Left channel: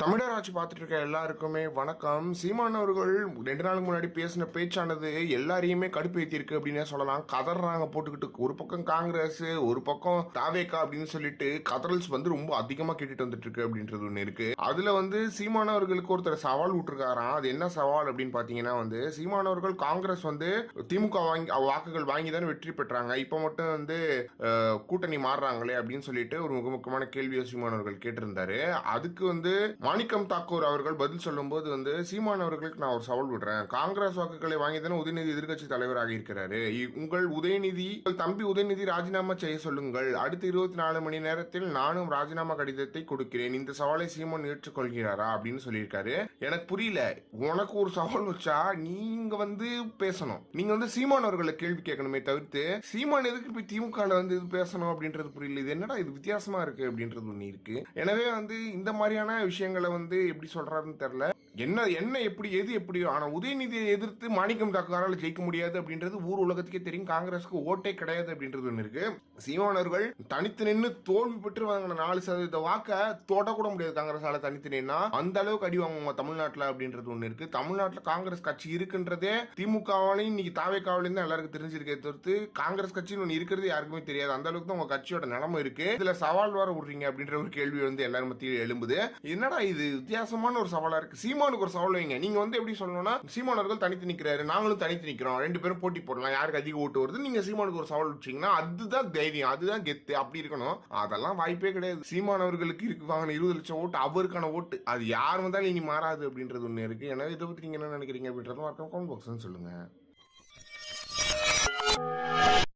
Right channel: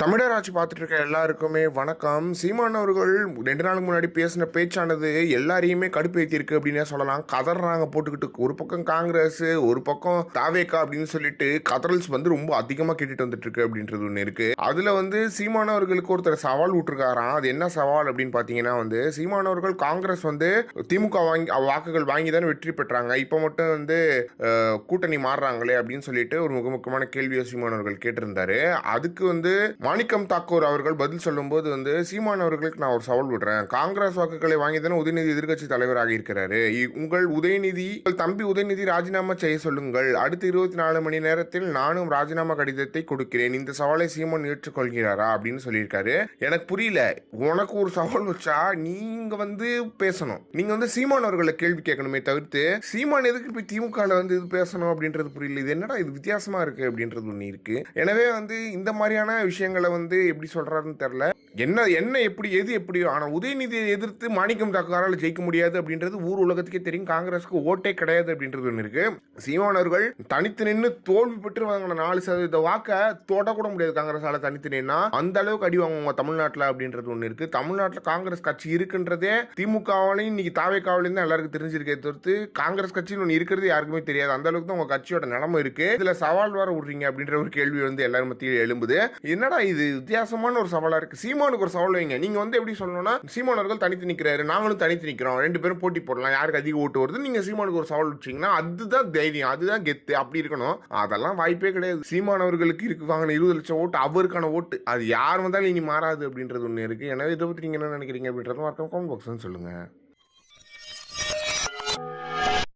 தமிழர் ஆட்சி பார்த்துட்டு இருக்க எல்லாருக்குமே வணக்கம். சீமான் அவர்கள் 2 நாளுக்கு முன்னாடி பேசின பேச்சானது எல்லாரையுமே கடுப்பேற்றிருக்கு அப்படின்னே சொல்லலாம். கதறாங்க போட்டுக்கிட்டு, ஒரு பக்கம் காங்கிரஸ், ஒரு பக்கம் தாவேக்கா அப்படின்னு சொல்லிட்டு கதறல்ஸ் வந்து ரொம்ப அதிகமாக கேட்டுட்டு வந்துட்டு இருக்கு அப்படின்றது ஒன்று இருக்கு. அதுல சீமான் அவர்களுக்கு ஒருத்தர் சவால் விட்டுருக்காராம். அது என்ன சவால் அப்படின்னு பாத்தீங்கன்னா சீமான் அவர்கள் காங்கிரஸ் திமுக வாக்குகள் வாங்கி தானே வெற்றி பெற்றாங்க, இப்போ மட்டும் கூட்டணி மாறுறாங்களே அப்படின்னு சொல்லிட்டு ஒரு மிக முக்கியமான கேள்வியை சீமான் அவர்கள் கேட்டிருந்தாரு. அதுக்கு மாணிக்கம் தாக்கூர் அவர்கள் பதில் சொல்லும்போது சீமான் அவர்களுக்கு நான் ஒரு சவால் விடுறேன். காங்கிரஸ் வாக்குகளை வாங்கி தானே உதயநிதி எதிர்கட்சி தலைவராக இருக்கிறாரு. உங்கள் தம்பி உதயநிதி ராஜினாமா செய்ய சொல்லுங்கள். அடுத்த 24 மணி நேரத்தில் நானும் ராஜினாமா கடிதத்தை கொடுக்கிறேன். இந்த சவாலை சீமான் ஏற்றுக்கொள்கிறாரா அப்படின்னு சொல்லியிருக்காரு. எனக்கு புரியல. உனக்கு ஒரு சவால் வச்சா நீங்க பேசணும். நீங்க சீமான் அவர்களை கேள்வி கேட்கணுமே தவிர்த்து சீமான் எதுக்கு போய் திமுக இது பேசணும் அப்படின்றது புரியல. இது என்னடா இது வித்தியாசமா இருக்கு அப்படின்றது ஒண்ணு இருக்கு. எனவே இந்த மாதிரியான விஷயங்கள் எப்படி சொல்றாருன்னு தெரியல. என்ன எப்படி எது எப்படியோ, ஆனா உதயநிதியை எதிர்த்து மாணிக்கம் தாக்குவாரால் ஜெயிக்க முடியாது அப்படின்றது ஊர் உலகத்துக்கே தெரியும். காங்கிரஸுக்கு ஓட்டே கிடையாது அப்படின்றது ஒன்று இருக்கு. சீமான் அவர்கள் தனித்து நின்று தோல்வி பெற்று வாங்கின 4% வாக்க தொட கூட முடியாது காங்கிரஸால. தனித்து நின்னா அந்த அளவுக்கு அடி வாங்குவாங்க தமிழ்நாட்டில் அப்படின்றது ஒன்று இருக்கு. தமிழ்நாட்டில் காங்கிரஸ் கட்சி இருக்குன்றதே திமுகவாலையும் இன்னைக்கு தாவேக்காவிலையும் தான் எல்லாருக்கும் தெரிஞ்சிருக்கே தவிர்த்து காங்கிரஸ் கட்சின்னு ஒன்று இருக்கிறது யாருக்குமே தெரியாது. அந்த அளவுக்கு தான் உங்க கட்சியோட நிலைமை இருக்கு. இதுல சவால் வர விடுறீங்க அப்படின்ற ஒரு கேள்வி எல்லாரும் மத்தியில் எழும்புது. என்னடா இது வித்தியாசமான ஒரு சவாலா இருக்கு. சீமானுக்கு ஒரு சவால் வைங்க. நீங்க எப்படி சொல்லணும்னா சீமான் அவர்கள் தனித்து நிக்கிறாரு, நாங்களும் தனித்து நிக்கிறோம், 2 பேரும் போட்டி போடலாம், யாருக்கு அதிக ஓட்டு வருது. நீங்க சீமானுக்கு ஒரு சவால் வச்சீங்கன்னா அதுதான் தைரியம், அதுதான் கெத்து. அப்படி இருக்கணும். அதெல்லாம் வாய்ப்பே கிடையாது. சீமான் அவர்களுக்கு இருக்கு வாங்கின 20 லட்சம் ஓட்டு அவருக்கான ஓட்டு. அது யார் வந்தாலும் இனி மாறாது அப்படின்றது ஒண்ணு இருக்கு. எனவே இதை பத்தி நீங்க என்ன நினைக்கிறீங்க அப்படின்றத கமெண்ட் பாக்ஸ்ல சொல்லுங்க.